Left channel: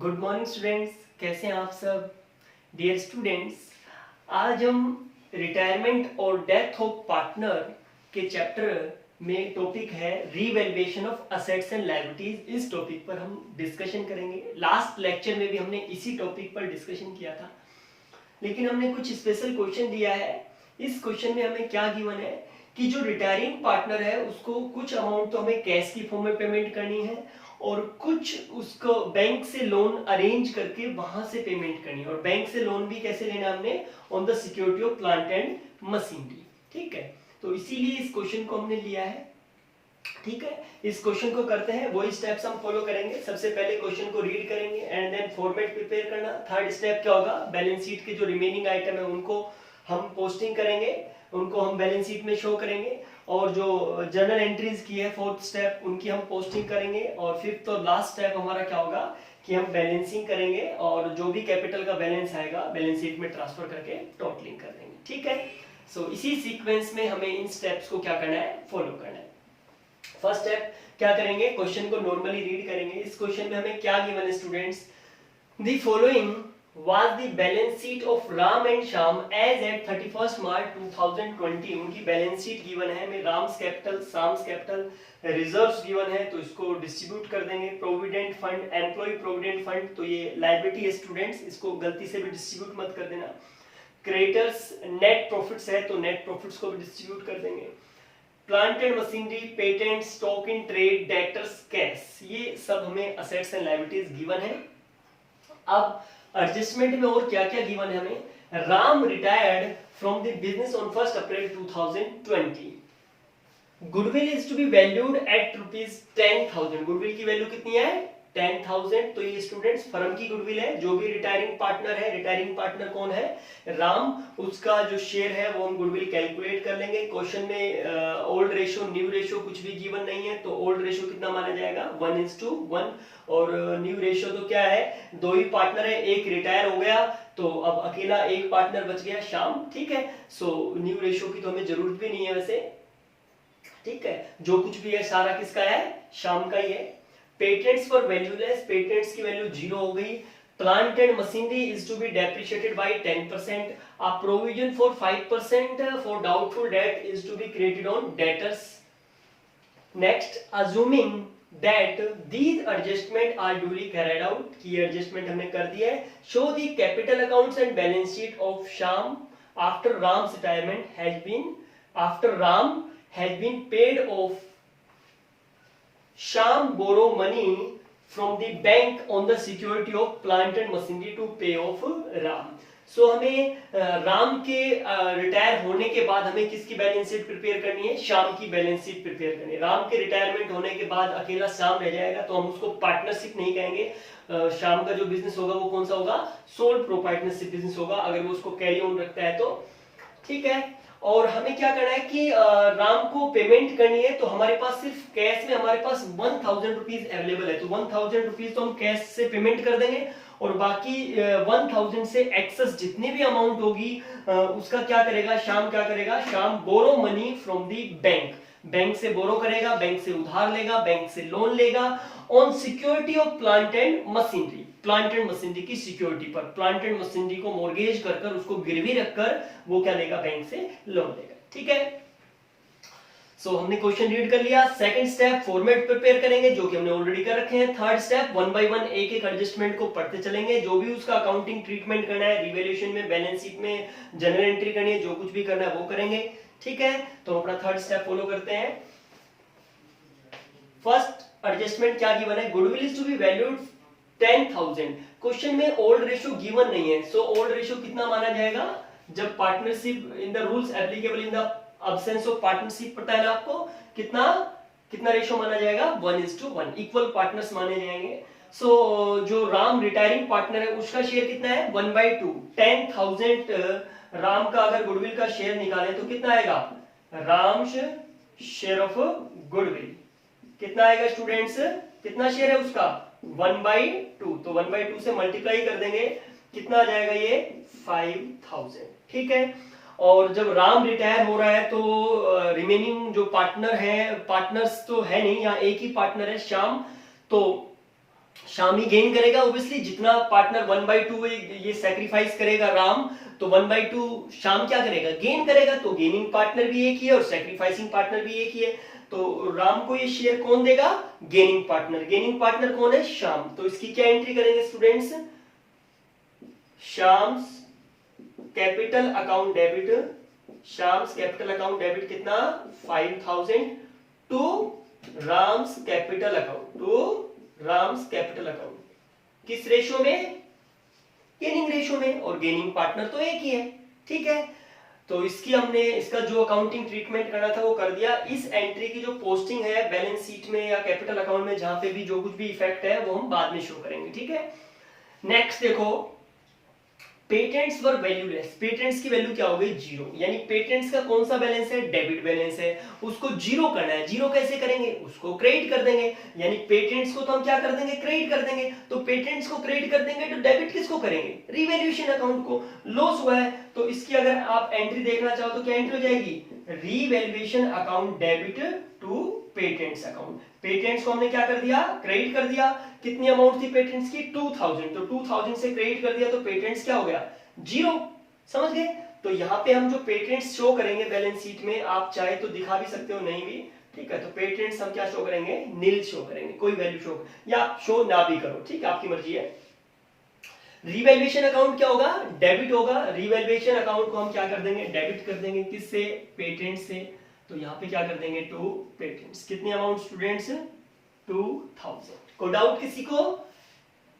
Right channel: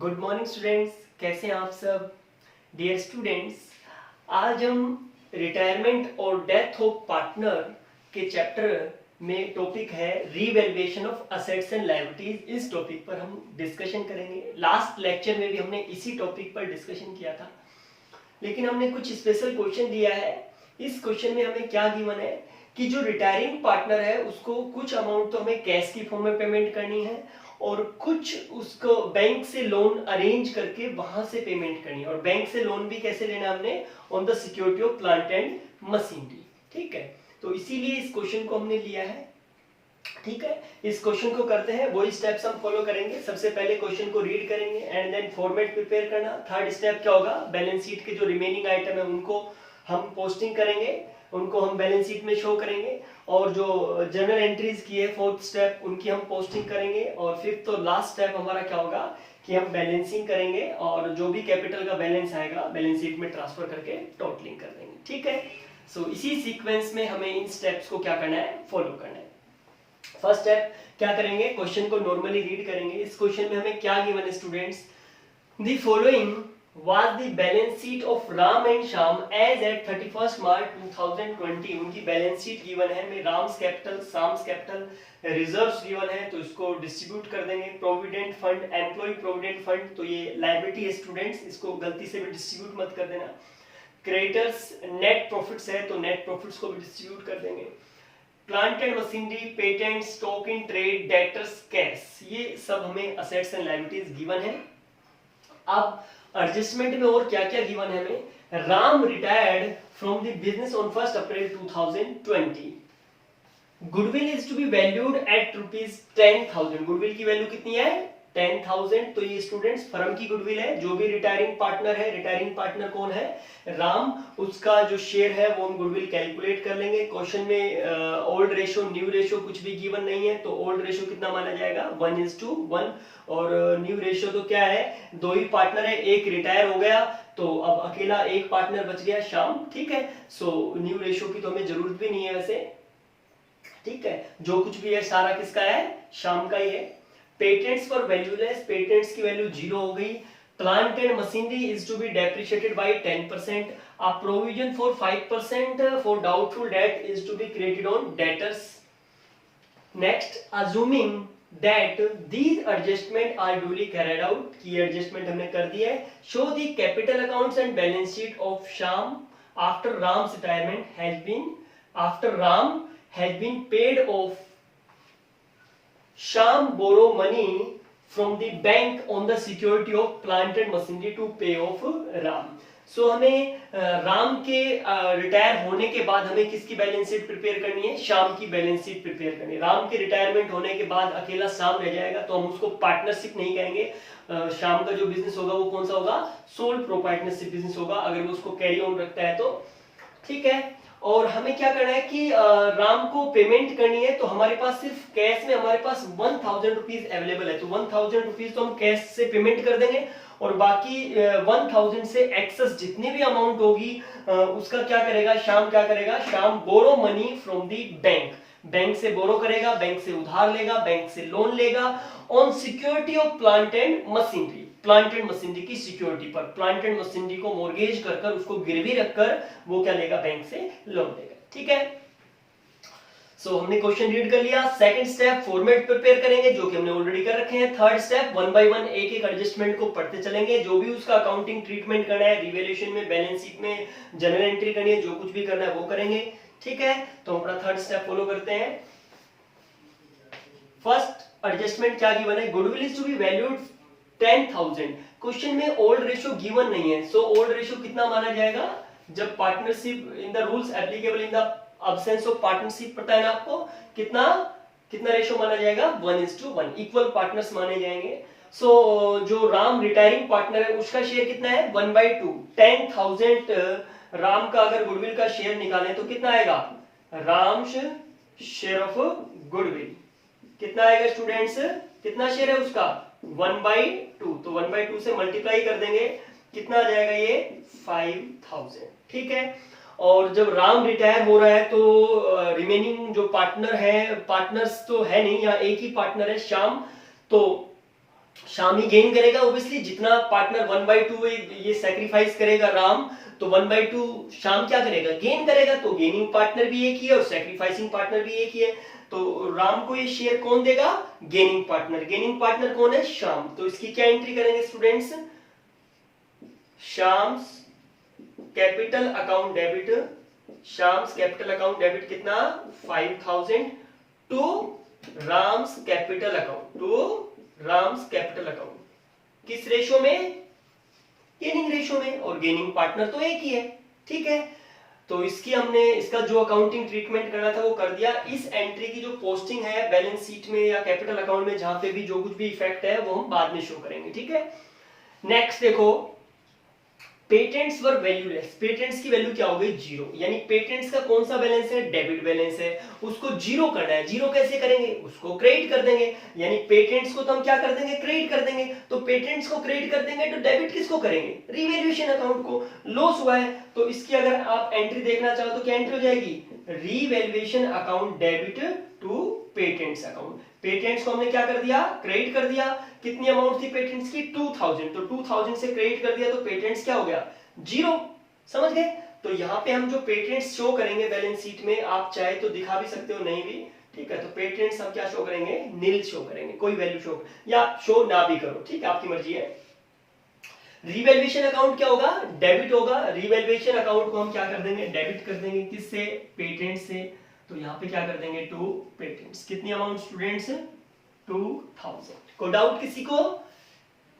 Good morning students, कैसे हैं आप सब। डियर स्टूडेंट्स, आज हम रिटायरमेंट और डेथ ऑफ पार्टनर के चैप्टर में टॉपिक है revaluation of assets and liabilities. इस टॉपिक पर हम डिस्कशन करेंगे। लास्ट लेक्चर में भी हमने इसी टॉपिक पर डिस्कशन किया था, लेकिन हमने कुछ स्पेशल क्वेश्चन दिया है। इस क्वेश्चन में हमें क्या गिवन है कि जो रिटायरिंग पार्टनर है उसको कुछ अमाउंट तो हमें कैश की फॉर्म में पेमेंट करनी है और कुछ उसको बैंक से लोन अरेंज करके वहां से पेमेंट करनी है। और बैंक से लोन भी कैसे लेना हमने, on the security of plant and machinery. ठीक है, तो इसीलिए इस क्वेश्चन को हमने लिया है। ठीक है, इस क्वेश्चन को करते हैं, वही स्टेप्स हम फॉलो करेंगे। सबसे पहले क्वेश्चन को रीड करेंगे एंड देन फॉर्मेट प्रिपेयर करना। थर्ड स्टेप क्या होगा, बैलेंस शीट के जो रिमेनिंग आइटम है उनको हम पोस्टिंग करेंगे, उनको हम बैलेंस शीट में शो करेंगे। और जो जर्नल एंट्रीज की है फोर्थ स्टेप, उनकी हम पोस्टिंग करेंगे। और फिफ्थ और लास्ट स्टेप हमारा क्या होगा कि हम बैलेंसिंग करेंगे और जो भी कैपिटल का बैलेंस आएगा बैलेंस शीट में ट्रांसफर करके टोटलिंग कर देंगे। ठीक है, सो इसी सीक्वेंस में हमें इन स्टेप्स को क्या करना है, फॉलो करना है। फर्स्ट स्टेप क्या करेंगे, क्वेश्चन को नॉर्मली रीड करेंगे। इस क्वेश्चन में हमें क्या गिवन है students, the following was the balance sheet of Ram and Shyam as at 31st March 2020। उनकी बैलेंस शीट गिवन है, में Ram's capital, Shyam's capital, reserves given है, तो इसको डिस्ट्रीब्यूट कर देंगे। Provident fund, employ provident fund, तो ये लायबिलिटी है स्टूडेंट्स, इसको गलती से भी डिस्ट्रीब्यूट मत कर देना। क्रेडिटर्स नेट प्रॉफिट्स है, तो नेट प्रॉफिट्स को भी डिस्ट्रीब्यूट कर देंगे। Plant and machinery, patent, stock in trade, debtors, cash, ये सब हमें असेट्स एंड लायबिलिटीज गिवन है। अब एडजस्टमेंट में और क्या क्या गिवन है हमें, Ram retired from the business on 1 April 2020। Goodwill is to be valued at ₹10,000। Goodwill की वैल्यू कितनी है, 10,000। तो ये स्टूडेंट्स फर्म की गुडविल है। जो भी रिटायरिंग पार्टनर है, रिटायरिंग पार्टनर कौन है, राम, उसका जो शेयर है वो हम गुडविल कैलकुलेट कर लेंगे। क्वेश्चन में ओल्ड रेशो न्यू रेशो कुछ भी गिवन नहीं है, तो ओल्ड रेशो कितना माना जाएगा, 1:1। और न्यू रेशो तो क्या है, दो ही पार्टनर है, एक रिटायर हो गया तो अब अकेला एक पार्टनर बच गया, श्याम। ठीक है, सो न्यू रेशो की तो हमें जरूरत भी नहीं है वैसे। ठीक है, जो कुछ भी है सारा किसका है, श्याम का ही है। पेटेंट्स फॉर वैल्यूलेस, पेटेंट्स की वैल्यू 0 हो गई। Plant and machinery is to be depreciated by 10%। A provision for 5% for doubtful debt is to be created on debtors. Next, assuming that these adjustment are duly carried out, की adjustment हमने कर दिया है। show the capital accounts and balance sheet of Shyam after Ram's retirement has been paid off। Shyam borrow money from the bank on the security of plant and machinery to pay off Ram। सो हमें राम के retire होने के बाद हमें किसकी balance sheet prepare करनी है, श्याम की बैलेंस शीट प्रिपेयर करनी है। राम के रिटायरमेंट होने के बाद अकेला श्याम रह जाएगा, तो हम उसको पार्टनरशिप नहीं कहेंगे। श्याम का जो बिजनेस होगा वो कौन सा होगा, सोल प्रोप्राइटरशिप बिजनेस होगा, अगर वो उसको कैरी ऑन रखता है तो। ठीक है, और हमें क्या करना है कि राम को पेमेंट करनी है, तो हमारे पास सिर्फ कैश में हमारे पास 1,000 रुपीज अवेलेबल है, तो 1,000 रुपीज तो हम कैश से पेमेंट कर देंगे। और बाकी 1,000 से एक्सेस जितनी भी अमाउंट होगी उसका क्या करेगा, श्याम क्या करेगा, Shyam borrow money from the bank, bank से बोरो करेगा, बैंक से उधार लेगा, बैंक से लोन लेगा on security of plant and machinery. Plant and machinery की सिक्योरिटी पर, प्लांट एंड मशीनरी को मॉर्गेज कर कर उसको गिरवी रखकर वो क्या लेगा, बैंक से लोन लेगा। ठीक है, सो हमने क्वेश्चन रीड कर लिया। सेकंड स्टेप फॉर्मेट प्रिपेयर करेंगे, जो कि हमने ऑलरेडी कर रखे हैं। थर्ड स्टेप 1 बाय 1 एक एक एडजस्टमेंट को पढ़ते चलेंगे, जो भी उसका अकाउंटिंग ट्रीटमेंट करना है, रिवैल्यूएशन में, बैलेंस शीट में, जर्नल एंट्री करनी है, जो कुछ भी करना है वो करेंगे। ठीक है, तो अपना थर्ड स्टेप फॉलो करते हैं। फर्स्ट एडजस्टमेंट क्या गिवन है, goodwill is to be valued 10,000। Question में ओल्ड रेशियो गिवन नहीं है, सो ओल्ड रेशियो कितना माना जाएगा, जब partnership in the rules applicable in the absence of partnership पता है ना आपको, कितना कितना रेशियो माना जाएगा, 1:1, इक्वल पार्टनर्स माने जाएंगे। सो जो राम रिटायरिंग पार्टनर है उसका शेयर कितना है, 1/2। 10,000 राम का अगर गुडविल का शेयर निकालें तो कितना आएगा, राम शेयर ऑफ गुडविल कितना आएगा स्टूडेंट्स, कितना शेयर है उसका, 1/2। तो 1/2 से मल्टीप्लाई कर देंगे, कितना आ जाएगा ये, 5,000। ठीक है, और जब राम रिटायर हो रहा है तो रिमेनिंग जो पार्टनर है, पार्टनर्स तो है नहीं, यहाँ एक ही पार्टनर है श्याम, तो शाम ही गेन करेगा ऑब्वियसली, जितना पार्टनर 1/2 ये सेक्रीफाइस करेगा राम, तो 1/2 शाम क्या करेगा, गेन करेगा। तो गेनिंग पार्टनर भी एक ही है और सेक्रीफाइसिंग पार्टनर भी एक ही है। तो राम को ये शेयर कौन देगा, गेनिंग पार्टनर। गेनिंग पार्टनर कौन है, शाम। तो इसकी क्या एंट्री करेंगे students, Shyam's capital account debit, Shyam's capital account debit कितना 5000 to Ram's capital account, to Ram's capital account. किस रेशो में, गेनिंग रेशो में, और गेनिंग पार्टनर तो एक ही है। ठीक है, तो इसकी हमने इसका जो अकाउंटिंग ट्रीटमेंट करना था वो कर दिया। इस एंट्री की जो पोस्टिंग है बैलेंस शीट में या कैपिटल अकाउंट में, जहां पे भी जो कुछ भी इफेक्ट है वो हम बाद में शो करेंगे। ठीक है, नेक्स्ट देखो, पेटेंट्स वर वैल्यूलेस। पेटेंट्स की वैल्यू क्या हो गई, जीरो। यानी पेटेंट्स का कौन सा बैलेंस है, डेबिट बैलेंस है, उसको जीरो करना है। जीरो कैसे करेंगे, उसको क्रेडिट कर देंगे। यानी पेटेंट्स को तो हम क्या कर देंगे, क्रेडिट कर देंगे। तो पेटेंट्स को क्रेडिट कर देंगे तो डेबिट किसको करेंगे, रिवैल्यूएशन अकाउंट को। लॉस हुआ है तो इसकी अगर आप एंट्री देखना चाहो तो क्या एंट्री हो जाएगी, revaluation account debit to patents account. Patents को हमने क्या कर दिया, क्रेडिट कर दिया। कितनी अमाउंट थी पेटेंट्स की, 2000, तो 2000 से क्रेडिट कर दिया तो पेटेंट्स क्या हो गया, जीरो। समझ गए। तो यहाँ पे हम जो पेटेंट्स शो करेंगे बैलेंस शीट में, आप चाहे तो दिखा भी सकते हो, नहीं भी। ठीक है, तो पेटेंट्स हम क्या शो करेंगे, नील शो करेंगे, कोई वैल्यू शो या शो ना भी करो, ठीक है, आपकी मर्जी है। रिवैल्यूएशन अकाउंट क्या होगा, डेबिट होगा। रिवैल्यूएशन अकाउंट को हम क्या कर देंगे, डेबिट कर देंगे। किससे, पेटेंट से। तो यहाँ पे क्या कर देंगे, टू पेटेंट्स। कितनी अमाउंट स्टूडेंट्स, 2000। कोई डाउट किसी को,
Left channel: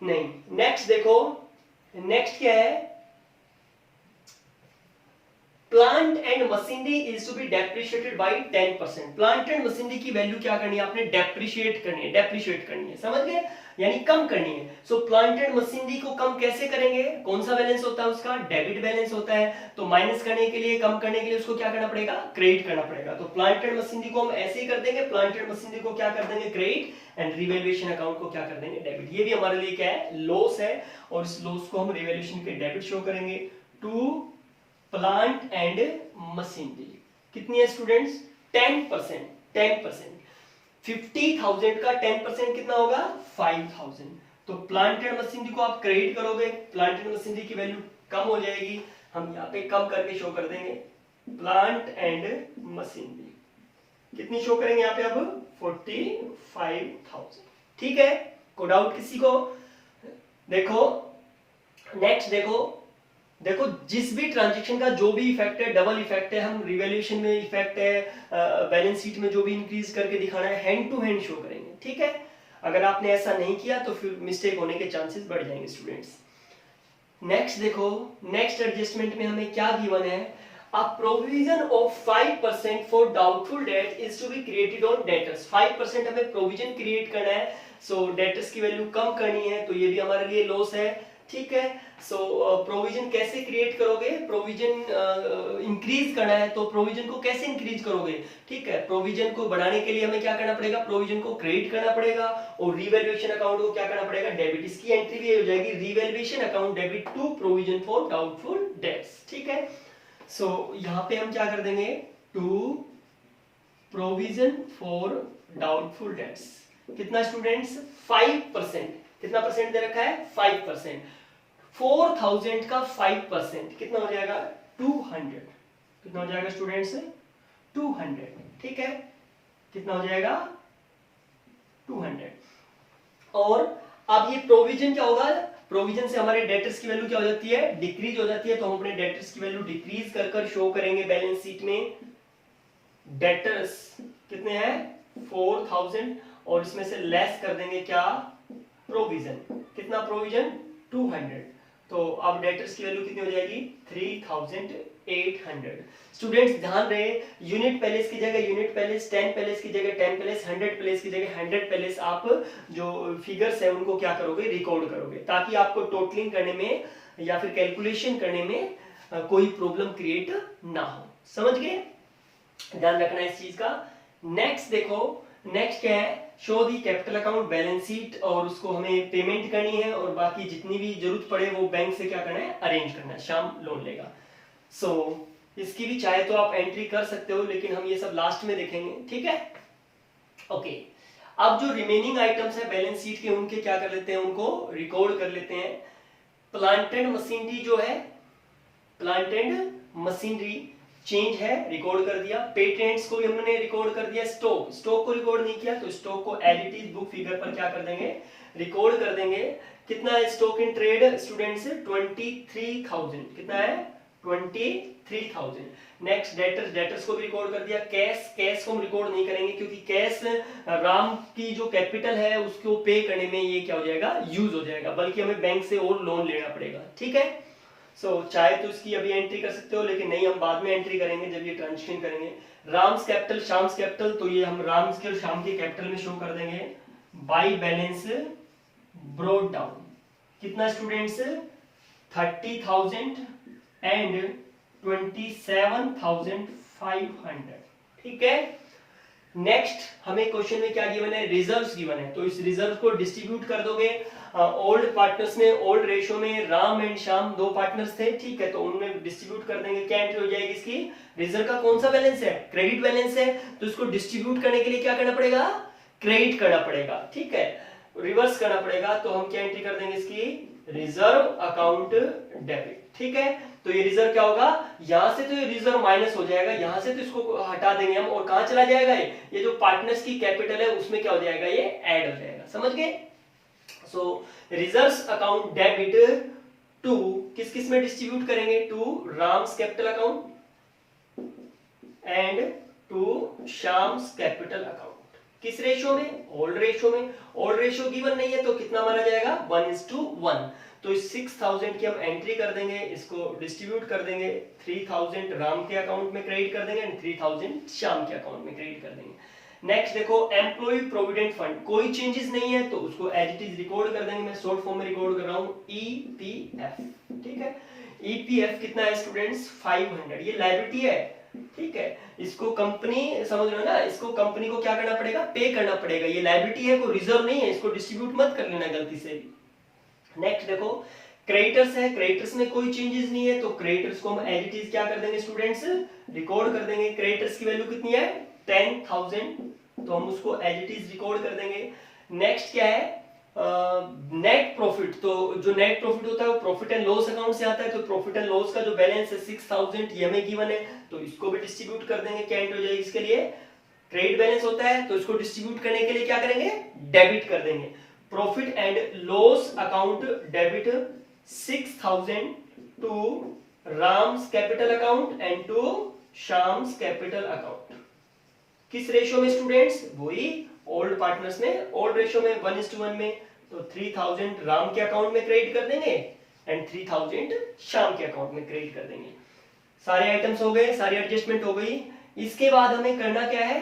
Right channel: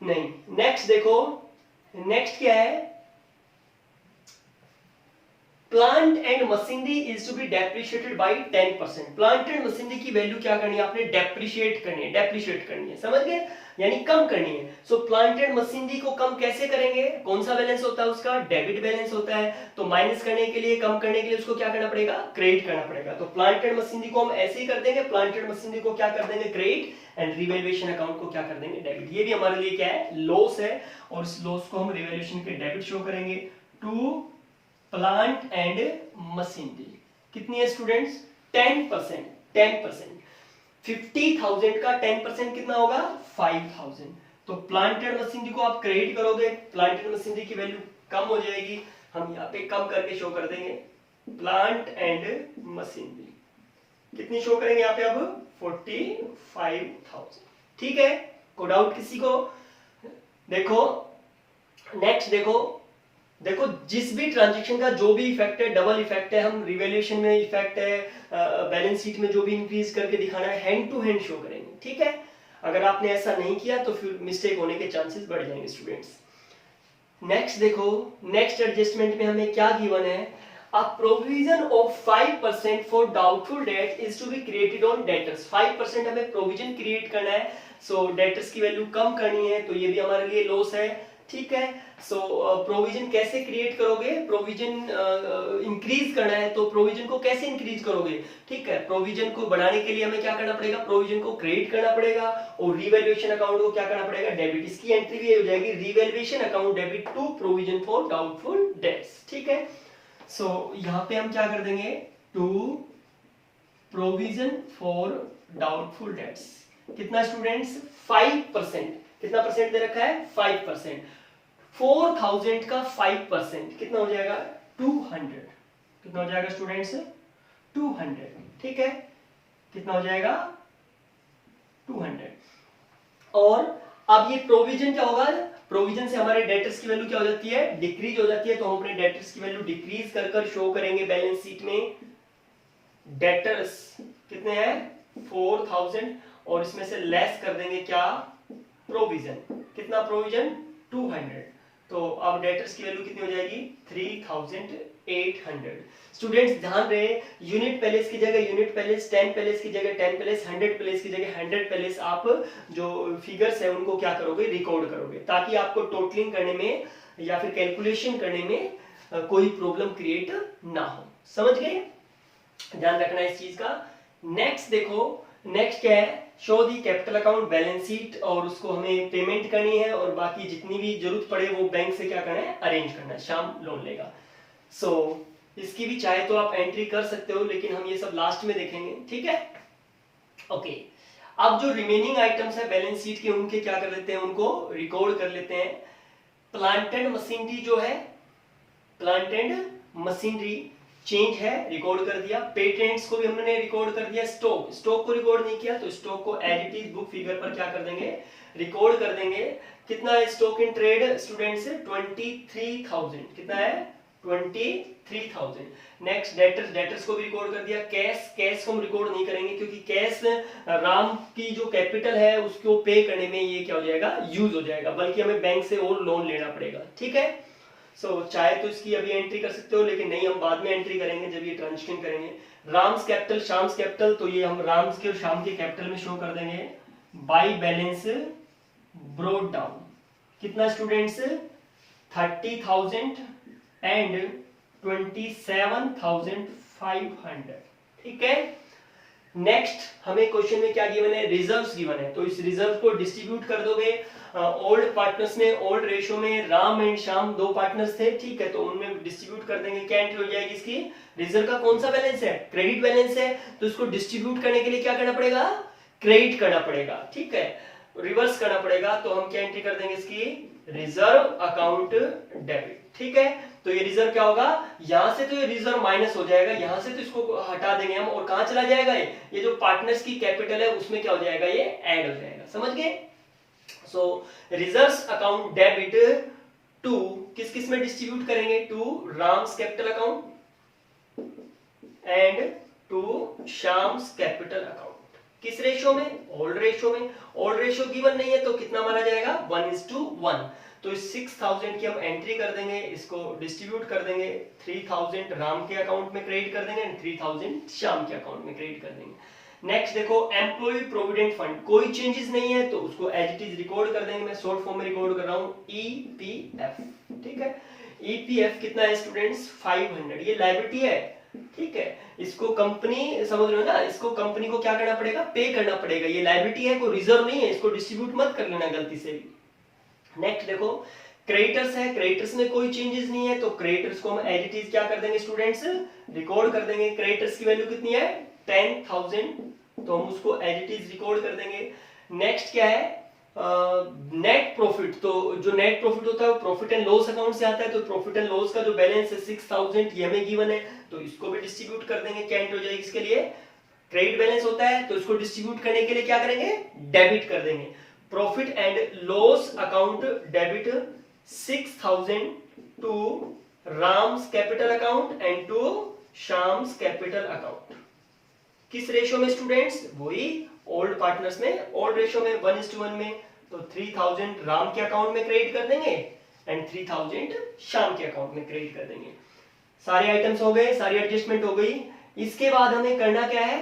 नहीं। नेक्स्ट देखो, नेक्स्ट क्या है, plant and machinery is to be depreciated by 10%। Plant and machinery की वैल्यू क्या करनी है, आपने डेप्रिशिएट करनी है, डेप्रिशिएट करनी है, समझ गए, यानी कम करनी है। सो प्लांट एंड मशीनरी को कम कैसे करेंगे, कौन सा बैलेंस होता है उसका, डेबिट बैलेंस होता है। तो माइनस करने के लिए, कम करने के लिए उसको क्या करना पड़ेगा, क्रेडिट करना पड़ेगा। तो प्लांट एंड मशीनरी को हम ऐसे ही कर देंगे, प्लांट एंड मशीनरी को क्या कर देंगे, क्रेडिट, एंड रिवैल्यूएशन अकाउंट को क्या कर देंगे, डेबिट। ये भी हमारे लिए क्या है, लॉस है, और इस लॉस को हम रिवैल्यूएशन के डेबिट शो करेंगे टू प्लांट एंड मशीनरी। कितनी है स्टूडेंट्स, 10%। 10%, 50,000 का 10% कितना होगा, 5,000। तो प्लांट एंड मशीनरी को आप क्रेडिट करोगे, प्लांट एंड मशीनरी की वैल्यू कम हो जाएगी। हम यहाँ पे कम करके शो कर देंगे, प्लांट एंड मशीनरी कितनी शो करेंगे यहाँ पे अब, 45,000। ठीक है, कोई डाउट किसी को। देखो नेक्स्ट देखो जिस भी ट्रांजेक्शन का जो भी इफेक्ट है, डबल इफेक्ट है, हम रिवैल्यूएशन में इफेक्ट है, बैलेंस शीट में जो भी इंक्रीज करके दिखाना है, हैंड टू हैंड शो करेंगे। ठीक है, अगर आपने ऐसा नहीं किया तो फिर मिस्टेक होने के चांसेस बढ़ जाएंगे स्टूडेंट्स। नेक्स्ट देखो, नेक्स्ट एडजस्टमेंट में हमें क्या गिवन है, a provision of 5% for doubtful debt is to be created on debtors। 5% हमें प्रोविजन क्रिएट करना है, सो डेटर्स की वैल्यू कम करनी है, तो ये भी हमारे लिए लॉस है। ठीक है, सो प्रोविजन कैसे क्रिएट करोगे, प्रोविजन इंक्रीज करना है, तो प्रोविजन को कैसे इंक्रीज करोगे, ठीक है, प्रोविजन को बढ़ाने के लिए हमें क्या करना पड़ेगा, प्रोविजन को क्रेडिट करना पड़ेगा, और रिवैल्यूएशन अकाउंट को क्या करना पड़ेगा, डेबिट। इसकी एंट्री भी हो जाएगी, revaluation account debit to provision for doubtful debts. ठीक है, सो यहाँ पे हम क्या कर देंगे, to provision for doubtful debts. कितना स्टूडेंट्स, 5%। कितना परसेंट दे रखा है, 5%। 4,000 का 5% कितना हो जाएगा, 200। कितना हो जाएगा स्टूडेंट्स, 200। ठीक है, कितना हो जाएगा, 200। और अब ये प्रोविजन क्या होगा, प्रोविजन से हमारे डेटर्स की वैल्यू क्या हो जाती है, डिक्रीज हो जाती है। तो हम अपने डेटर्स की वैल्यू डिक्रीज कर कर शो करेंगे बैलेंस शीट में। डेटर्स कितने हैं, 4,000, और इसमें से लेस कर देंगे क्या, प्रोविजन। कितना प्रोविजन, 200। तो अब डेटर्स की वैल्यू कितनी हो जाएगी, 3,800। स्टूडेंट्स ध्यान रहे, यूनिट पैलेस की जगह यूनिट पैलेस, 10 पैलेस की जगह 10 पैलेस, 100 पैलेस की जगह 100 पैलेस, आप जो फिगर्स है उनको क्या करोगे, रिकॉर्ड करोगे, ताकि आपको टोटलिंग करने में या फिर कैलकुलेशन करने में कोई प्रॉब्लम क्रिएट ना हो। समझ गए, ध्यान रखना इस चीज का। नेक्स्ट देखो, नेक्स्ट क्या है, शो दी कैपिटल अकाउंट बैलेंस शीट, और उसको हमें पेमेंट करनी है, और बाकी जितनी भी जरूरत पड़े वो बैंक से क्या करना है, अरेंज करना है, शाम लोन लेगा। सो इसकी भी चाहे तो आप एंट्री कर सकते हो, लेकिन हम ये सब लास्ट में देखेंगे। ठीक है, ओके। अब जो रिमेनिंग आइटम्स है बैलेंस शीट के, उनके क्या कर लेते हैं, उनको रिकॉर्ड कर लेते हैं। प्लांट एंड मशीनरी जो है, प्लांट एंड मशीनरी चेंज है, रिकॉर्ड कर दिया। पेटेंट्स को भी हमने रिकॉर्ड कर दिया। स्टॉक को रिकॉर्ड नहीं किया तो स्टॉक को as it is book figure पर क्या कर देंगे, रिकॉर्ड कर देंगे। कितना है स्टॉक इन ट्रेड स्टूडेंट्स, 23,000। कितना है, 23,000। नेक्स्ट डेटर्स को भी रिकॉर्ड कर दिया। कैश को हम रिकॉर्ड नहीं करेंगे क्योंकि कैश राम की जो कैपिटल है उसको पे करने में ये क्या हो जाएगा, यूज हो जाएगा, बल्कि हमें बैंक से और लोन लेना पड़ेगा। ठीक है, चाहे तो इसकी अभी एंट्री कर सकते हो, लेकिन नहीं, हम बाद में एंट्री करेंगे जब ये ट्रांजेक्शन करेंगे। राम्स कैपिटल, शाम्स कैपिटल, तो ये हम राम्स के और शाम के कैपिटल में शो कर देंगे बाय बैलेंस ब्रोड डाउन। कितना स्टूडेंट्स, 30,000 एंड 27,500। ठीक है। नेक्स्ट हमें क्वेश्चन में क्या गिवन है, रिजर्व्स गिवन है, तो इस रिजर्व को डिस्ट्रीब्यूट कर दोगे। ओल्ड पार्टनर्स में, ओल्ड रेशो में राम एंड श्याम दो पार्टनर्स थे, ठीक है, तो उनमें डिस्ट्रीब्यूट कर देंगे। क्या एंट्री हो जाएगी इसकी, रिजर्व का कौन सा बैलेंस है, क्रेडिट बैलेंस है, तो इसको डिस्ट्रीब्यूट करने के लिए क्या करना पड़ेगा, क्रेडिट करना पड़ेगा। ठीक है, रिवर्स करना पड़ेगा, तो हम क्या एंट्री कर देंगे इसकी, रिजर्व अकाउंट डेबिट। ठीक है, तो ये रिजर्व क्या होगा, यहां से तो ये रिजर्व माइनस हो जाएगा, यहां से तो इसको हटा देंगे हम, और कहां चला जाएगा ये जो पार्टनर्स की कैपिटल है उसमें क्या हो जाएगा, ये ऐड हो जाएगा। समझ गए। So reserves account debit to किस किस में डिस्ट्रीब्यूट करेंगे, to Ram's capital account and to Shyam's capital account. किस रेशो में, ओल्ड रेशो में। ओल्ड रेशो गिवन नहीं है तो कितना माना जाएगा, 1:1। तो इस 6,000 की हम एंट्री कर देंगे, इसको डिस्ट्रीब्यूट कर देंगे। 3,000 राम के अकाउंट में क्रेडिट कर देंगे एंड 3,000 श्याम के अकाउंट में क्रेडिट कर देंगे। नेक्स्ट देखो, एम्प्लॉय प्रोविडेंट फंड, कोई चेंजेस नहीं है तो उसको एज इट इज रिकॉर्ड कर देंगे। मैं शॉर्ट फॉर्म में रिकॉर्ड कर रहा हूं, ईपीएफ। ठीक है, ईपीएफ कितना है स्टूडेंट्स, 500। ये लायबिलिटी है। ठीक है, इसको कंपनी, समझ रहे हो ना, इसको कंपनी को क्या करना पड़ेगा, पे करना पड़ेगा। ये लायबिलिटी है, कोई रिजर्व नहीं है, इसको डिस्ट्रीब्यूट मत कर लेना गलती से भी। नेक्स्ट देखो, क्रेडिटर्स है, क्रेडिटर्स में कोई चेंजेस नहीं है तो क्रेडिटर्स को हम एज इट इज क्या कर देंगे स्टूडेंट्स, रिकॉर्ड कर देंगे। क्रेडिटर्स की वैल्यू कितनी है, 10,000, तो हम उसको एज इट इज रिकॉर्ड कर देंगे। नेक्स्ट क्या है, नेट प्रॉफिट, तो जो नेट प्रॉफिट होता है वो प्रॉफिट एंड लॉस अकाउंट से आता है, तो प्रॉफिट एंड लॉस का जो बैलेंस है 6,000 ये हमें गिवन है, तो इसको भी डिस्ट्रीब्यूट कर देंगे। क्या एंट्री हो जाएगी इसके लिए, क्रेडिट बैलेंस होता है तो इसको डिस्ट्रीब्यूट करने के लिए क्या करेंगे, डेबिट कर देंगे। Profit and loss account debit 6,000 to Ram's capital account and to Shyam's capital account. किस रेशियो में स्टूडेंट्स, वही ओल्ड पार्टनर्स में, ओल्ड रेशियो में 1:1 में। तो 3,000 राम के अकाउंट में क्रेडिट कर देंगे एंड 3,000 श्याम के अकाउंट में क्रेडिट कर देंगे। सारे आइटम्स हो गए, सारी एडजस्टमेंट हो गई। इसके बाद हमें करना क्या है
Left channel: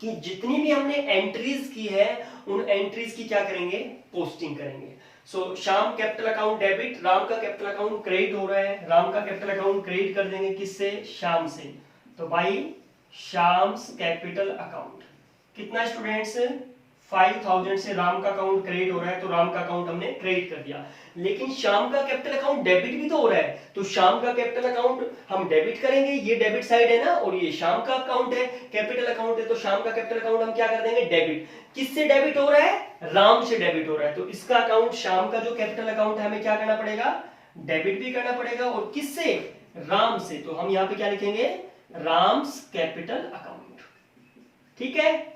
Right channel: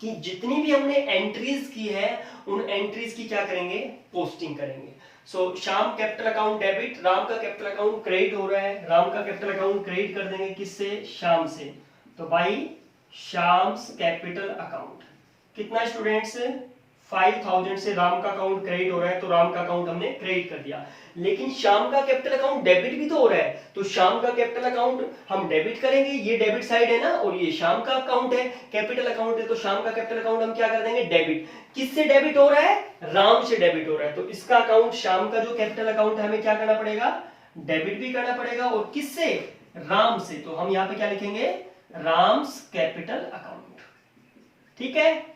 कि जितनी भी हमने एंट्रीज की है उन एंट्रीज की क्या करेंगे, पोस्टिंग करेंगे। So Shyam capital account debit, Ram का कैपिटल अकाउंट क्रेडिट हो रहा है, राम का कैपिटल अकाउंट क्रेडिट कर देंगे किससे, श्याम से, तो बाई श्याम्स कैपिटल अकाउंट। कितना स्टूडेंट्स, 5,000 से राम का अकाउंट क्रेडिट हो रहा है तो राम का अकाउंट हमने क्रेडिट कर दिया, लेकिन श्याम का कैपिटल अकाउंट डेबिट भी तो हो रहा है, तो श्याम का कैपिटल अकाउंट हम डेबिट करेंगे, ये डेबिट साइड है ना, और ये श्याम का अकाउंट है, कैपिटल अकाउंट है, तो श्याम का कैपिटल अकाउंट हम क्या कर देंगे, डेबिट। किससे डेबिट हो रहा है, राम से डेबिट हो रहा है, तो इसका अकाउंट, श्याम का जो कैपिटल अकाउंट है हमें क्या करना पड़ेगा, डेबिट भी करना पड़ेगा, और किससे, राम से, तो हम यहाँ पे क्या लिखेंगे, राम्स कैपिटल अकाउंट। ठीक है।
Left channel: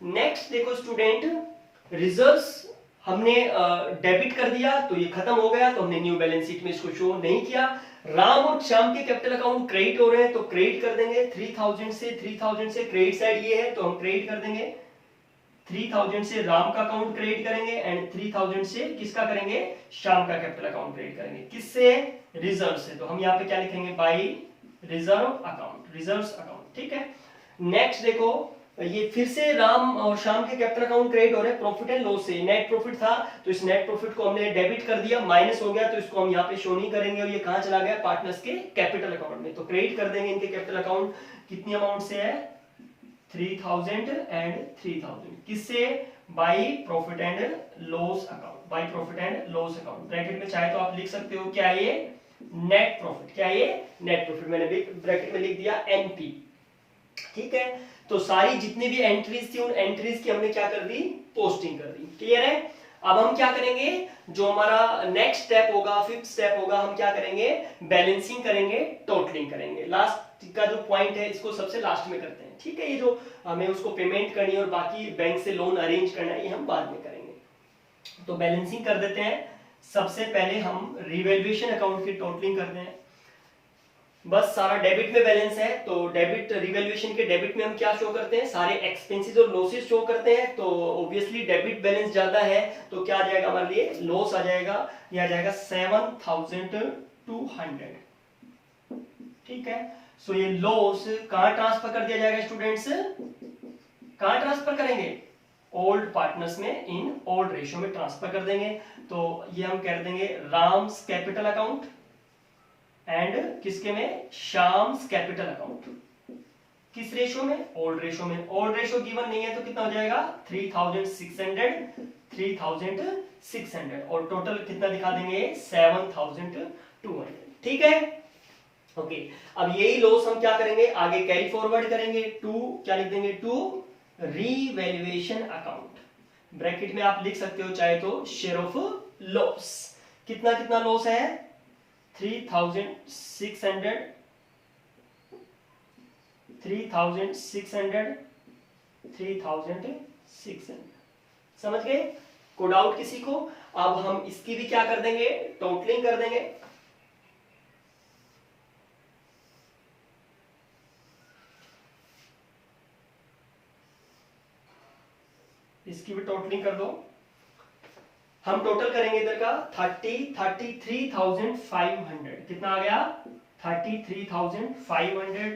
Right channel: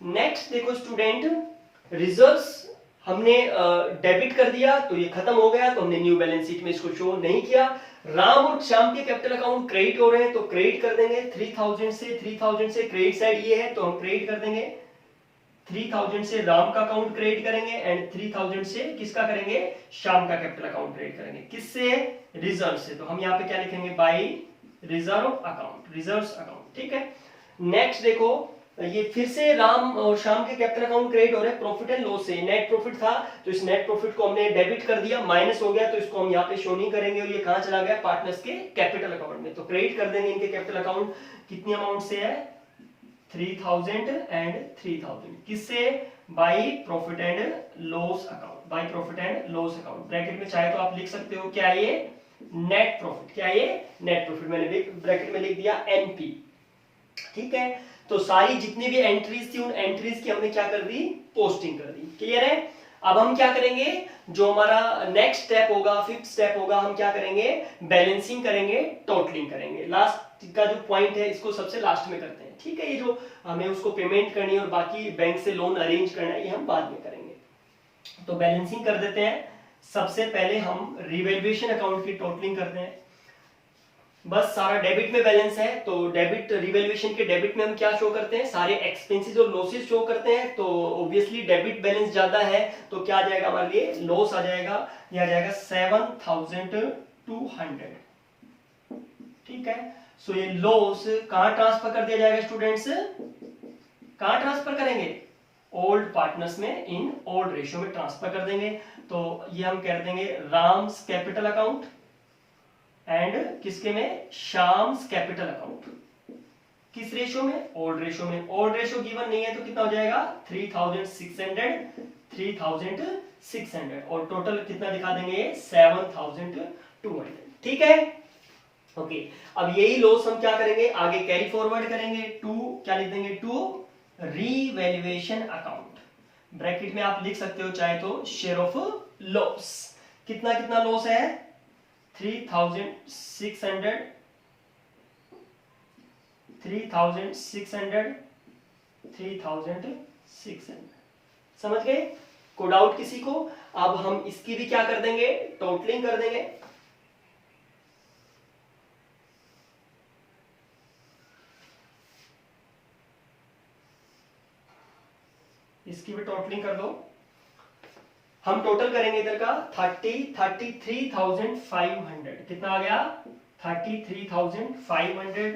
नेक्स्ट देखो स्टूडेंट, रिजर्व्स हमने डेबिट कर दिया तो ये खत्म हो गया, तो हमने न्यू बैलेंस शीट में इसको शो नहीं किया। राम और श्याम के कैपिटल अकाउंट क्रेडिट हो रहे हैं तो क्रेडिट कर देंगे 3,000 से क्रेडिट साइड ये है तो हम क्रेडिट कर देंगे 3,000 से राम का अकाउंट क्रेडिट करेंगे एंड 3,000 से किसका करेंगे, श्याम का कैपिटल अकाउंट क्रेडिट करेंगे। किससे, रिजर्व से, तो हम यहाँ पे क्या लिखेंगे, by reserve account, reserves account. ठीक है। नेक्स्ट देखो, ये फिर से राम और श्याम के कैपिटल अकाउंट क्रेडिट हो रहे हैं प्रॉफिट एंड लॉस से। नेट प्रॉफिट था तो इस नेट प्रॉफिट को हमने डेबिट कर दिया, माइनस हो गया तो इसको हम यहाँ पे शो नहीं करेंगे, और ये कहां चला गया, पार्टनर्स के कैपिटल अकाउंट में, तो क्रेडिट कर देंगे इनके कैपिटल अकाउंट। कितनी अमाउंट से है, 3,000 एंड 3,000, किससे, by profit and loss account, by profit and loss account. Bracket में चाहे तो आप लिख सकते हो क्या है ये, नेट प्रॉफिट, क्या है ये, नेट प्रॉफिट, मैंने ब्रैकेट में लिख दिया एनपी। ठीक है। तो सारी जितनी भी एंट्रीज थी उन एंट्रीज की हमने क्या कर दी, पोस्टिंग कर दी। क्लियर है। अब हम क्या करेंगे, जो हमारा नेक्स्ट स्टेप होगा, फिफ्थ स्टेप होगा, हम क्या करेंगे, बैलेंसिंग करेंगे, टोटलिंग करेंगे। लास्ट का जो पॉइंट है इसको सबसे लास्ट में करते हैं, ठीक है। ये जो हमें उसको पेमेंट करनी है और बाकी बैंक से लोन अरेंज करना है ये हम बाद में करेंगे। तो बैलेंसिंग कर देते हैं। सबसे पहले हम रिवैल्यूएशन अकाउंट की टोटलिंग करते हैं। बस सारा डेबिट में बैलेंस है, तो डेबिट रिवैल्यूएशन के डेबिट में हम क्या शो करते हैं, सारे एक्सपेंसेस और लॉसेस शो करते हैं। तो ऑब्वियसली डेबिट बैलेंस ज्यादा है तो क्या आ जाएगा हमारे लिए, लॉस आ जाएगा, ये आ जाएगा 7200। ठीक है। सो ये लॉस कहां ट्रांसफर कर दिया जाएगा स्टूडेंट्स, कहां ट्रांसफर करेंगे, ओल्ड पार्टनर्स में, इन ओल्ड रेशियो में ट्रांसफर कर देंगे। तो ये हम कर देंगे राम्स कैपिटल अकाउंट एंड किसके में, शाम्स कैपिटल अकाउंट। किस रेशो में, ओल्ड रेशो में। ओल्ड रेशो गिवन नहीं है तो कितना हो जाएगा 3600 और टोटल कितना दिखा देंगे 7200। ठीक है। ओके। अब यही लॉस हम क्या करेंगे, आगे कैरी फॉरवर्ड करेंगे टू, क्या लिख देंगे, टू रीवैल्यूएशन अकाउंट। ब्रैकेट में आप लिख सकते हो चाहे तो शेयर ऑफ लॉस। कितना कितना लॉस है, 3600, 3600। समझ गए, कोड आउट किसी को। अब हम इसकी भी क्या कर देंगे, टोटलिंग कर देंगे। इसकी भी टोटलिंग कर दो। हम टोटल करेंगे इधर का 33,500। कितना आ गया 33,500।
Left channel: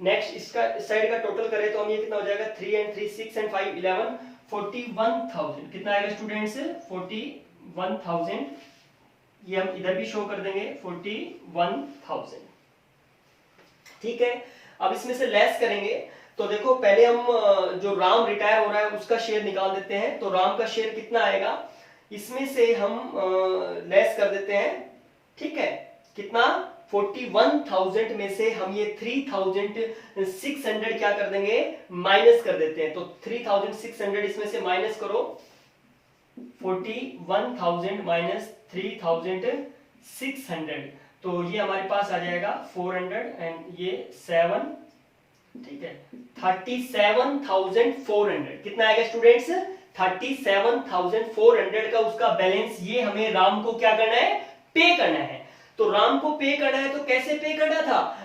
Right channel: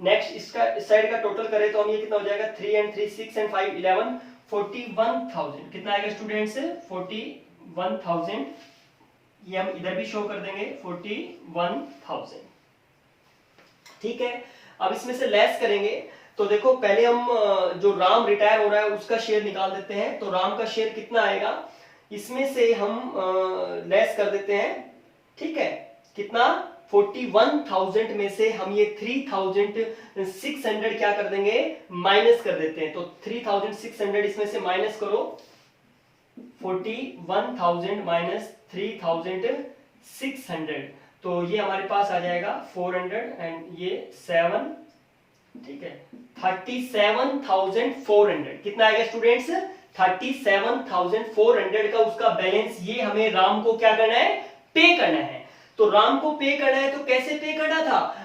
नेक्स्ट इसका इस साइड का टोटल करें तो हम ये कितना हो जाएगा 3 and 3 6 and 5 11 41,000। कितना आएगा स्टूडेंट्स 41,000। ये हम इधर भी शो कर देंगे 41,000। ठीक है। अब इसमें से लेस करेंगे तो देखो पहले हम जो राम रिटायर हो रहा है उसका शेयर निकाल देते हैं। तो राम का शेयर कितना आएगा, इसमें से हम लेस कर देते हैं। ठीक है। कितना 41,000 में से हम ये 3,600 क्या कर देंगे, माइनस कर देते हैं। तो 3,600 इसमें से माइनस करो, 41,000 माइनस 3,600 तो ये हमारे पास आ जाएगा 400 एंड ये 7। ठीक है 37,400। कितना आएगा स्टूडेंट्स 37,400 का उसका बैलेंस ये हमें राम को क्या करना है, पे करना है। तो राम को पे करना है तो कैसे पे करना था,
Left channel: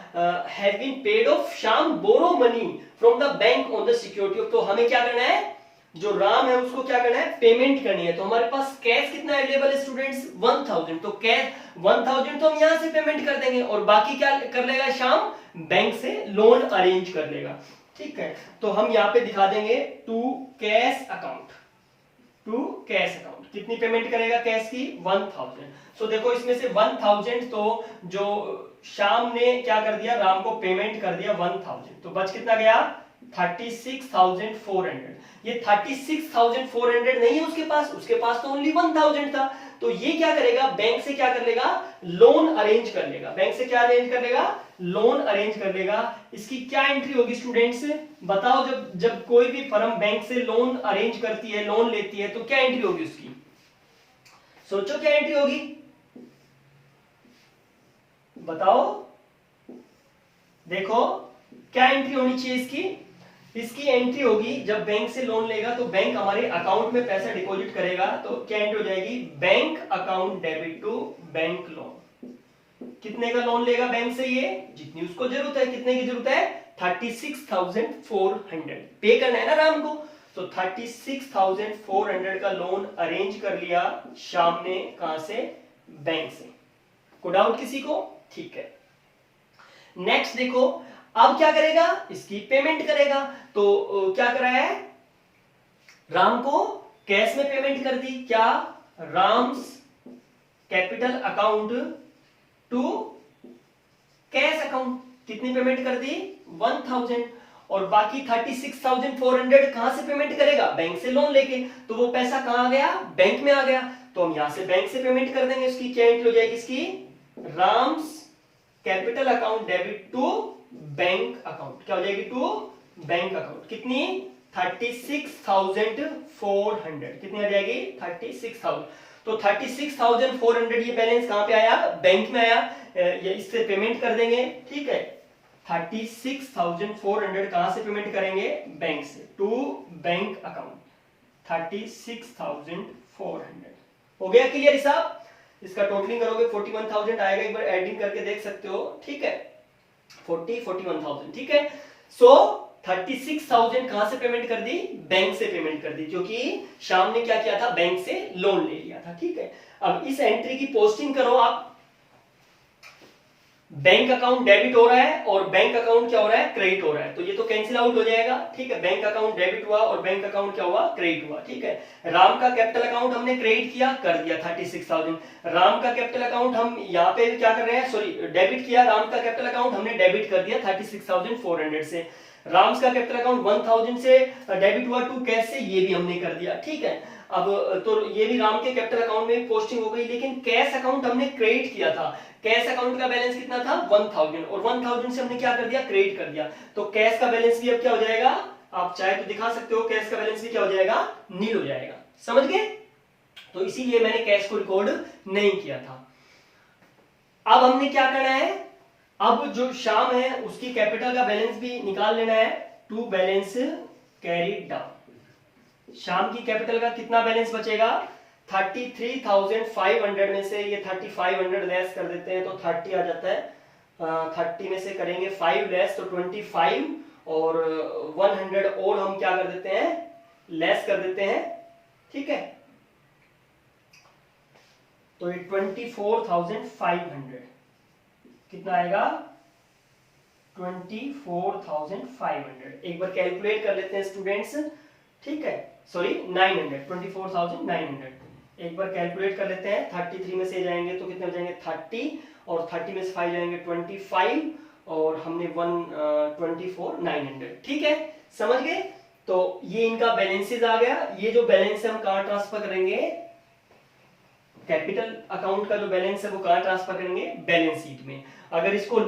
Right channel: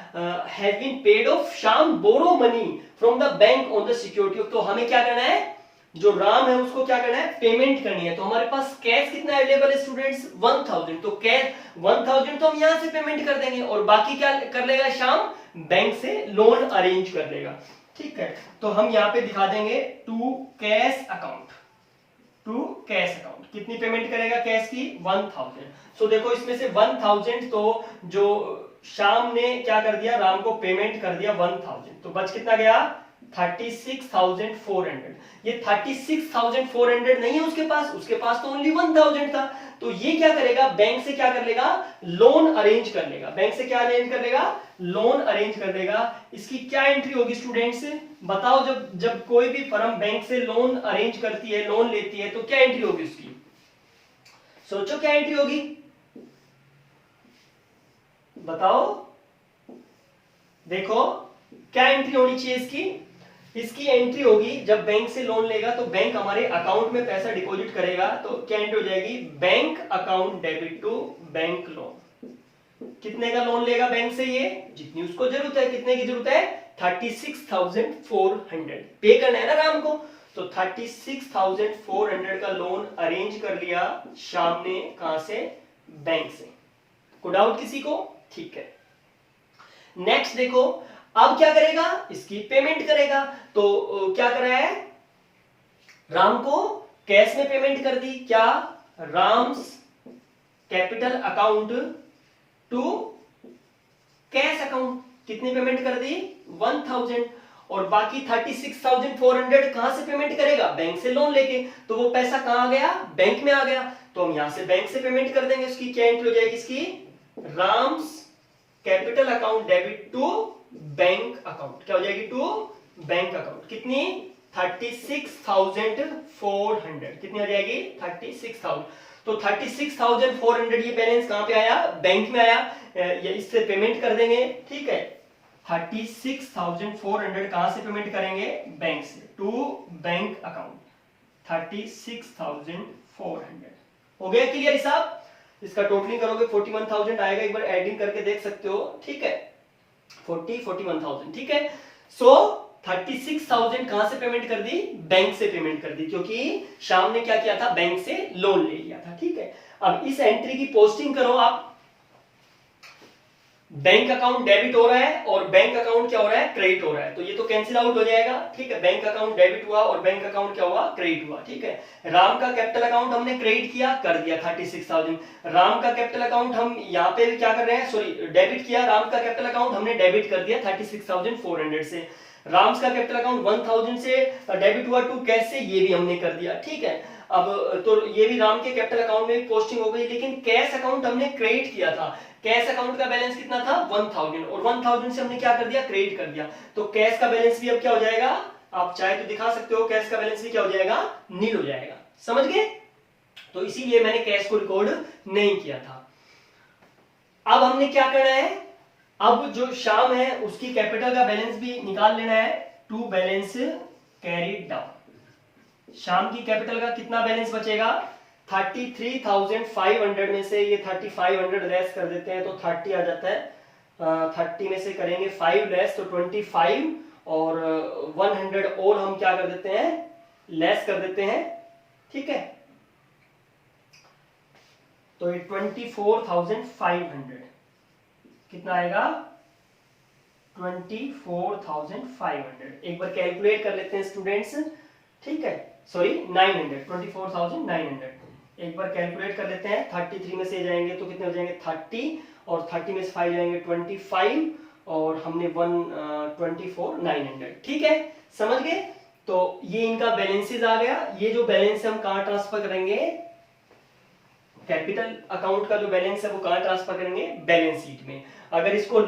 have been paid off Shyam borrow money from the bank on the security of. तो हमें क्या करना है, जो राम है उसको क्या करना है, पेमेंट करनी है। तो हमारे पास कैश कितना अवेलेबल है स्टूडेंट्स 1000। तो कैश 1000 तो हम यहां से पेमेंट कर देंगे और बाकी क्या कर लेगा श्याम, बैंक से लोन अरेंज कर लेगा। ठीक है। तो हम यहां पे दिखा देंगे to cash account, to cash account. कितनी पेमेंट करेगा कैश की 1000। सो देखो इसमें से 1000 तो जो श्याम ने क्या कर दिया, राम को पेमेंट कर दिया 1000। तो बच कितना गया 36,400। ये 36,400 नहीं है उसके पास तो ओनली 1000 था। तो ये क्या करेगा, बैंक से क्या कर लेगा, लोन अरेंज कर लेगा। बैंक से क्या अरेंज कर लेगा, लोन अरेंज कर लेगा। इसकी क्या एंट्री होगी स्टूडेंट्स बताओ, जब कोई भी फर्म बैंक से लोन अरेंज करती है, लोन लेती है, तो क्या एंट्री होगी उसकी, सोचो क्या एंट्री होगी, बताओ। देखो क्या एंट्री होनी चाहिए इसकी, इसकी एंट्री होगी जब बैंक से लोन लेगा तो बैंक हमारे अकाउंट में पैसा डिपॉजिट करेगा। तो क्या एंट्री हो जाएगी, bank account debit to bank loan. कितने का लोन लेगा बैंक से, ये जितनी उसको जरूरत है। कितने की जरूरत है 36,400 पे करना है ना राम को। तो 36,400 का लोन अरेंज कर लिया श्याम ने, कहां से, बैंक से। को डाउट किसी को, ठीक है। नेक्स्ट देखो अब क्या करेगा, इसकी पेमेंट करेगा। तो क्या कराया है, राम को कैश में पेमेंट कर दी, क्या, Ram's capital account to cash account. कितनी पेमेंट कर दी 1000 और बाकी 36,400 कहां से पेमेंट करेगा, बैंक से लोन लेके। तो वो पैसा कहां आ गया, बैंक में आ गया। तो हम यहां से बैंक से पेमेंट कर देंगे। इसकी क्या एंट्री हो जाएगी, इसकी Ram's capital account debit to bank account, क्या हो जाएगी, टू बैंक अकाउंट। कितनी, 36,400, कितनी हो जाएगी, 36,000। तो 36,400 ये बैलेंस कहां पे आया, बैंक में आया, ये इससे पेमेंट कर देंगे, ठीक है। 36,400 कहां से पेमेंट करेंगे, बैंक से, टू बैंक अकाउंट 36,400। हो गया क्लियर हिसाब। इसका टोटलिंग करोगे 41,000 आएगा, एक बार एडिंग करके देख सकते हो, ठीक है, 41,000, ठीक है। सो 36,000 कहां से पेमेंट कर दी, बैंक से पेमेंट कर दी, क्योंकि शाम ने क्या किया था, बैंक से लोन ले लिया था, ठीक है। अब इस एंट्री की पोस्टिंग करो आप, बैंक अकाउंट डेबिट हो रहा है और बैंक अकाउंट क्या हो रहा है, क्रेडिट हो रहा है, तो ये तो कैंसिल आउट हो जाएगा, ठीक है। बैंक अकाउंट डेबिट हुआ और बैंक अकाउंट क्या हुआ, क्रेडिट हुआ, ठीक है। राम का कैपिटल अकाउंट हमने क्रेडिट किया, कर दिया 36,000। राम का कैपिटल अकाउंट हम यहाँ पे क्या कर रहे हैं, सॉरी डेबिट किया, राम का कैपिटल अकाउंट हमने डेबिट कर दिया 36,400 से। राम्स का कैपिटल अकाउंट 1000 से डेबिट हुआ टू कैश से, ये भी हमने कर दिया, ठीक है। अब तो ये भी राम के कैपिटल अकाउंट में पोस्टिंग हो गई, लेकिन कैश अकाउंट हमने क्रेडिट किया था। कैश अकाउंट का बैलेंस कितना था, 1000, और 1000 से हमने क्या कर दिया, क्रेडिट कर दिया, तो कैश का बैलेंस भी अब क्या हो जाएगा, आप चाहे तो दिखा सकते हो, कैश का बैलेंस भी क्या हो जाएगा, नील हो जाएगा, समझ गए। तो इसीलिए मैंने कैश को रिकॉर्ड नहीं किया था। अब हमने क्या करना है, अब जो शाम है उसकी कैपिटल का बैलेंस भी निकाल लेना है, टू बैलेंस कैरीड डाउन। शाम की कैपिटल का कितना बैलेंस बचेगा, 33,500 में से ये 3500 लेस कर देते हैं तो 30 आ जाता है, 30 में से करेंगे 5 लेस तो 25, और 100 और हम क्या कर देते हैं, लेस कर देते हैं, ठीक है। तो ये 24,500 कितना आएगा, 24,500। एक बार कैलकुलेट कर लेते हैं स्टूडेंट्स, ठीक है, सॉरी 900, 24,900। एक बार कैलकुलेट कर लेते हैं, 33 में से जाएंगे तो कितने हो जाएंगे, 30, और 30 में से 5 जाएंगे 25, और हमने 24,900, ठीक है, समझ गए। तो ये इनका बैलेंसेस आ गया। ये जो बैलेंस है हम कहां ट्रांसफर करेंगे, कैपिटल अकाउंट का जो बैलेंस है वो कहां ट्रांसफर करेंगे, बैलेंस शीट में। अगर इसको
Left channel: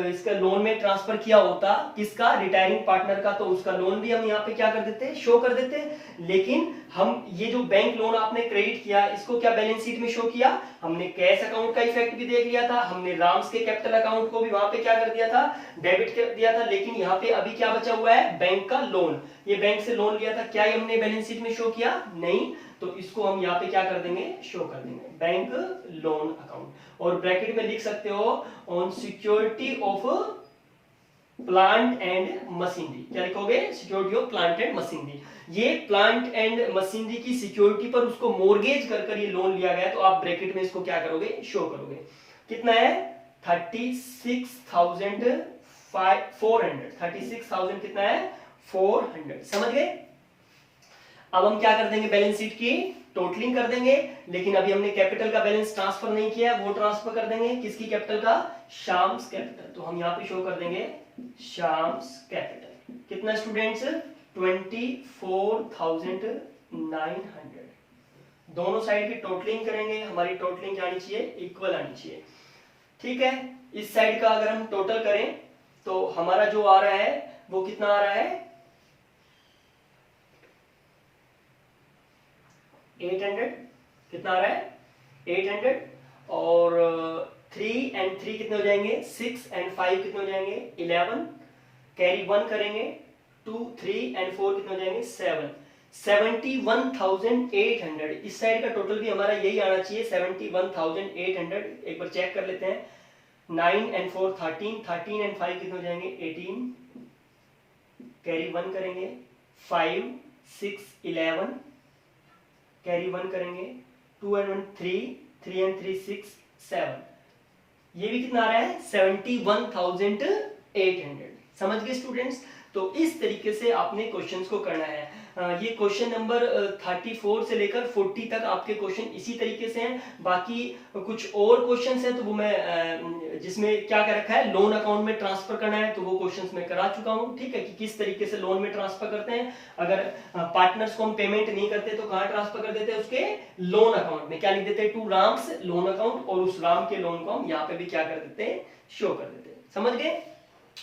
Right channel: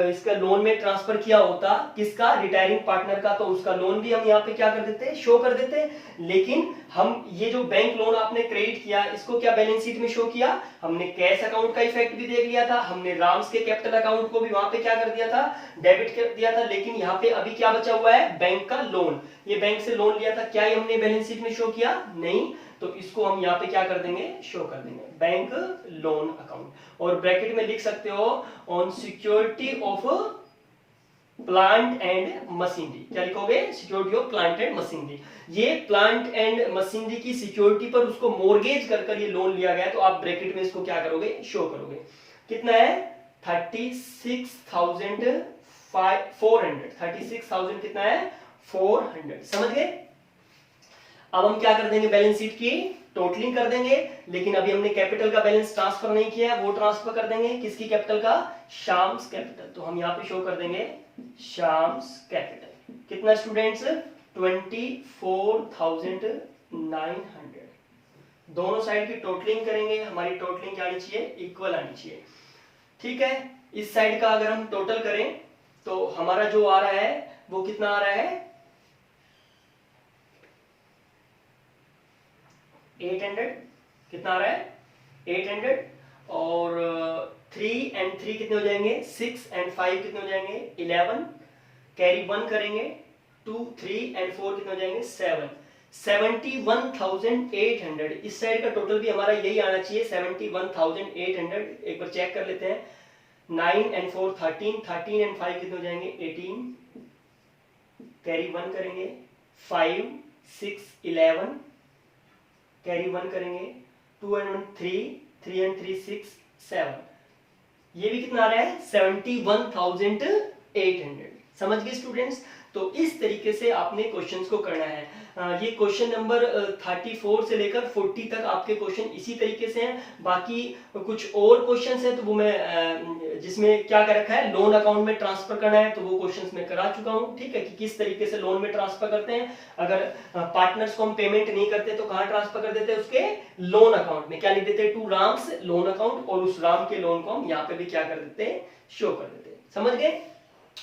इसका लोन में ट्रांसफर किया होता, किसका, रिटायरिंग पार्टनर का, तो उसका लोन भी हम यहाँ पे क्या कर देते, शो कर देते। लेकिन हम ये जो बैंक लोन आपने क्रेडिट किया, इसको क्या बैलेंस शीट में शो किया, हमने कैश अकाउंट का इफेक्ट भी देख लिया था, हमने राम्स के कैपिटल अकाउंट को भी वहां पे क्या कर दिया था, डेबिट कर दिया था। लेकिन यहाँ पे अभी क्या बचा हुआ है, बैंक का लोन, ये बैंक से लोन लिया था, क्या ये हमने बैलेंस शीट में शो किया, नहीं, तो इसको हम यहाँ पे क्या कर देंगे, शो कर देंगे, बैंक लोन अकाउंट। और ब्रैकेट में लिख सकते हो, on security of plant and machinery, क्या लिखोगे, security of plant and machinery. ये प्लांट एंड मशीनरी की सिक्योरिटी पर उसको मोर्गेज कर ये लोन लिया गया, तो आप ब्रैकेट में इसको क्या करोगे, शो करोगे। कितना है, 36,400, 36,000 कितना है, 400, समझ गए। अब हम क्या कर देंगे, बैलेंस शीट की टोटलिंग कर देंगे, लेकिन अभी हमने कैपिटल का बैलेंस ट्रांसफर नहीं किया, वो ट्रांसफर कर देंगे किसकी कैपिटल का, शाम्स कैपिटल। तो हम यहाँ पे शो कर देंगे शाम्स कैपिटल। कितना स्टूडेंट्स, 24,900। दोनों साइड की टोटलिंग करेंगे, हमारी टोटलिंग क्या आनी चाहिए, इक्वल आनी चाहिए, ठीक है। इस साइड का अगर हम टोटल करें तो हमारा जो आ रहा है वो कितना आ रहा है, 800, कितना आ रहा है, 800, और 3 and 3 कितने हो जाएंगे, 6 and 5 कितने हो जाएंगे, 11, कैरी 1 करेंगे, 2, 3 and 4 कितने हो जाएंगे, 7, 71,800। इस साइड का टोटल भी हमारा यही आना चाहिए, 71,800। एक बार चेक कर लेते हैं, 9 and 4 13, 13 and 5 कितने हो जाएंगे, 18, कैरी 1 करेंगे, 5, 6, 11, कैरी 1 करेंगे, 2 and 1 3, 3 and 3 6, 7, ये भी कितना आ रहा है, 71,800। समझ गए स्टूडेंट्स। तो इस तरीके से आपने क्वेश्चंस को करना है। ये क्वेश्चन नंबर 34 से लेकर 40 तक आपके क्वेश्चन इसी तरीके से हैं। बाकी कुछ और क्वेश्चंस हैं तो वो मैं जिसमें क्या कर रखा है, लोन अकाउंट में ट्रांसफर करना है, तो वो क्वेश्चंस मैं करा चुका हूं, ठीक है, कि किस तरीके से लोन में ट्रांसफर करते हैं। अगर पार्टनर्स को हम पेमेंट नहीं करते तो कहां ट्रांसफर कर देते हैं, उसके लोन अकाउंट में। क्या लिख देते हैं, टू राम्स लोन अकाउंट, और उस राम के लोन को हम यहाँ पे भी क्या कर देते हैं, शो कर देते हैं। समझ गए।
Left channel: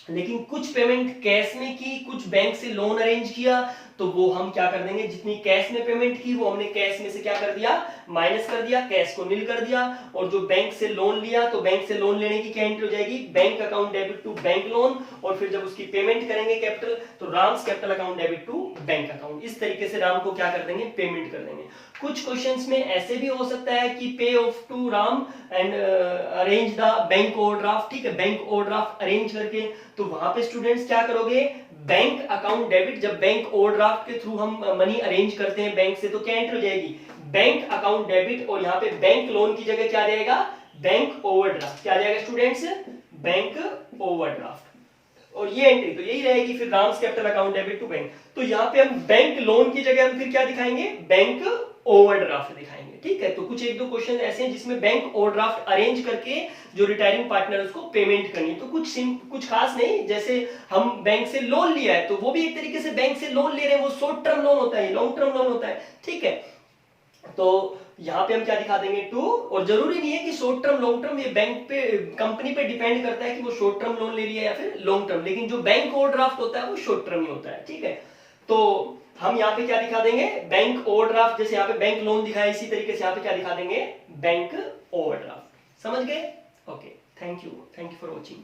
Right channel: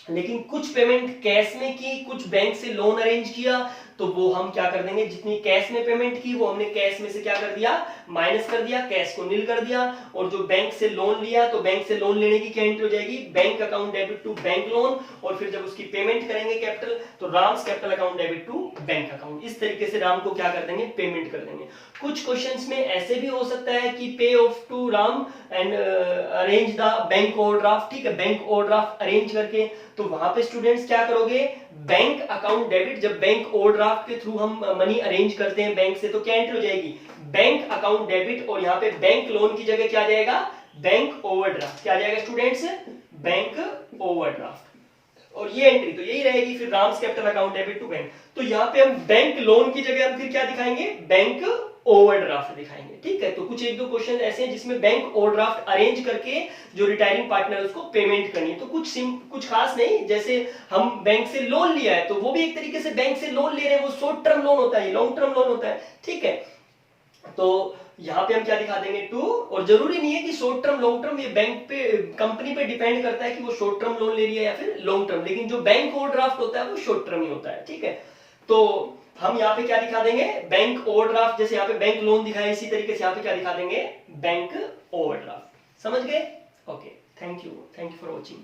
लेकिन कुछ पेमेंट कैश में की, कुछ बैंक से लोन अरेंज किया, तो वो हम क्या कर देंगे, जितनी कैश में पेमेंट की वो हमने कैश में से क्या कर दिया, माइनस कर दिया, कैश को नील कर दिया। और जो बैंक से लोन लिया, तो बैंक से लोन लेने की क्या एंट्री हो जाएगी, bank account debit to bank loan, और फिर जब उसकी पेमेंट करेंगे कैपिटल, तो Ram's capital account debit to bank account. इस तरीके से राम को क्या कर देंगे, पेमेंट कर देंगे। कुछ क्वेश्चंस में ऐसे भी हो सकता है कि pay off to Ram and arrange the bank overdraft, ठीक है, बैंक ओवरड्राफ्ट अरेंज करके, तो वहां पे स्टूडेंट्स क्या करोगे, बैंक अकाउंट डेबिट, जब बैंक ओवरड्राफ्ट के थ्रू हम मनी अरेंज करते हैं बैंक से, तो क्या एंट्री हो जाएगी, बैंक अकाउंट डेबिट, और यहाँ पे बैंक लोन की जगह क्या जाएगा, बैंक ओवरड्राफ्ट। क्या जाएगा स्टूडेंट्स, बैंक ओवरड्राफ्ट, और ये एंट्री तो यही रहेगी फिर Ram's capital account debit to bank. तो यहाँ पे हम बैंक लोन की जगह हम फिर क्या दिखाएंगे, बैंक ओवरड्राफ्ट दिखाएंगे, ठीक है। तो कुछ एक दो क्वेश्चन ऐसे हैं जिसमें बैंक ओवरड्राफ्ट अरेंज करके जो रिटायरिंग पार्टनर उसको पेमेंट करनी है। तो कुछ खास नहीं, जैसे हम बैंक से लोन लिया है तो वो भी एक तरीके से बैंक से लोन ले रहे हैं, वो शॉर्ट टर्म लोन होता है, लॉन्ग टर्म लोन होता है, ठीक है। तो यहाँ पे हम क्या दिखा देंगे, टू, और जरूरी नहीं है कि शॉर्ट टर्म लॉन्ग टर्म, ये बैंक पे कंपनी पे डिपेंड करता है कि वो शॉर्ट टर्म लोन ले लिया या फिर लॉन्ग टर्म, लेकिन जो बैंक ओवरड्राफ्ट होता है वो शॉर्ट टर्म ही होता है, ठीक है। तो हम यहाँ पे क्या दिखा देंगे, बैंक ओवरड्राफ्ट, जैसे यहाँ पे बैंक लोन दिखाया इसी तरीके से यहाँ पे क्या दिखा देंगे, बैंक ओवरड्राफ्ट। समझ गए। Okay, thank you for watching.